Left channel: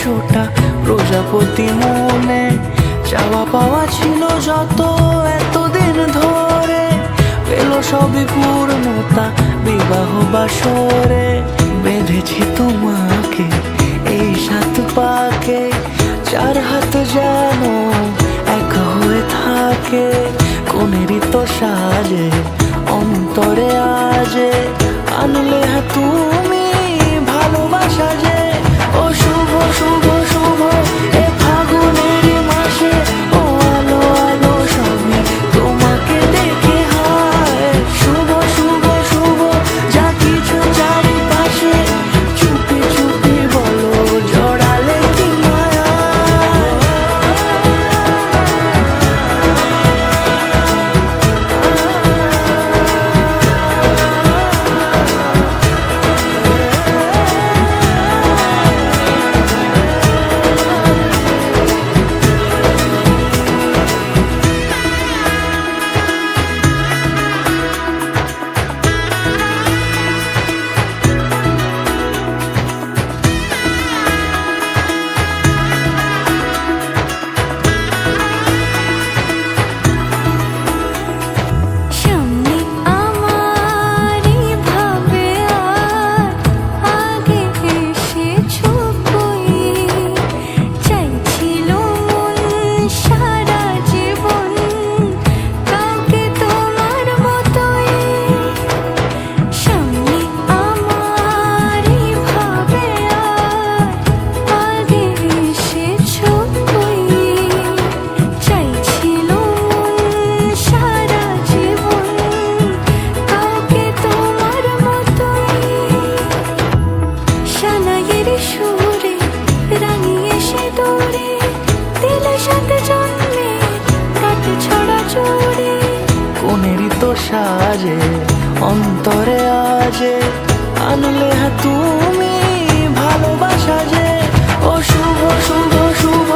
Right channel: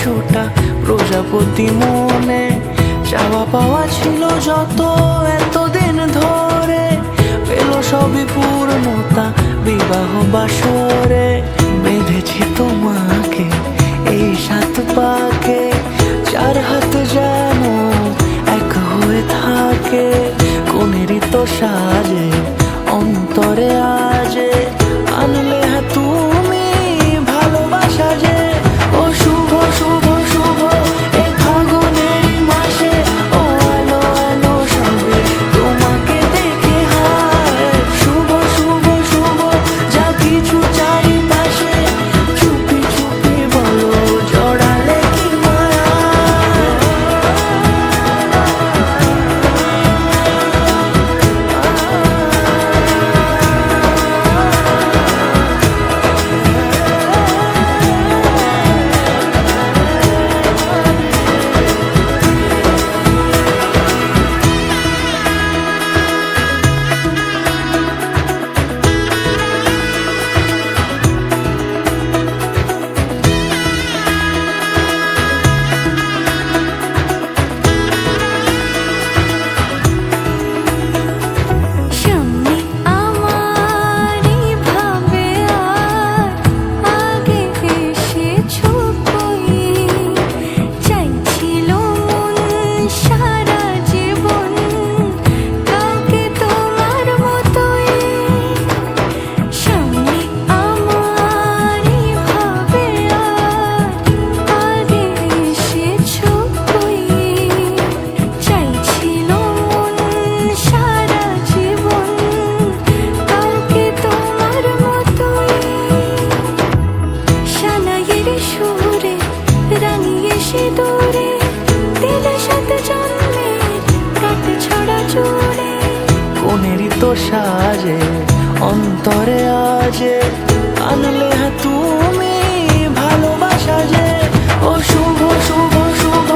100টা প্রজাপতি মনে, চাওয়া পাওয়া ছিল যত এতদিন ধরে, পেল সবই পূর্ণতা বিবাহ বাসরে। বেঁধেছি তোমাকে এই 7 পাকে, 4 হাত যেন এক হয়ে থাকে। কোনেরই তো সাজে অন্তরে আজে, আনলে তুমি ভালোবাসা যে। ও শুভ শুভ শুভ এ ফাগুনেরই মাসে, ও আলো আলো সবই তোমাকে দেখে হায়। শুভ শুভ শুভ যা কিছু চারিপাশে, চুপি চুপি বলো জড়ালে কি মায়া। সুরে রাঙিয়ে সে দূরে, দিলে 7 জন্মের কাট ছড়া জোড়ে। কোনেরই তো সাজে অন্তরে আজে, আনলে তুমি ভালোবাসা যে। ও শুভ শুভ শুভ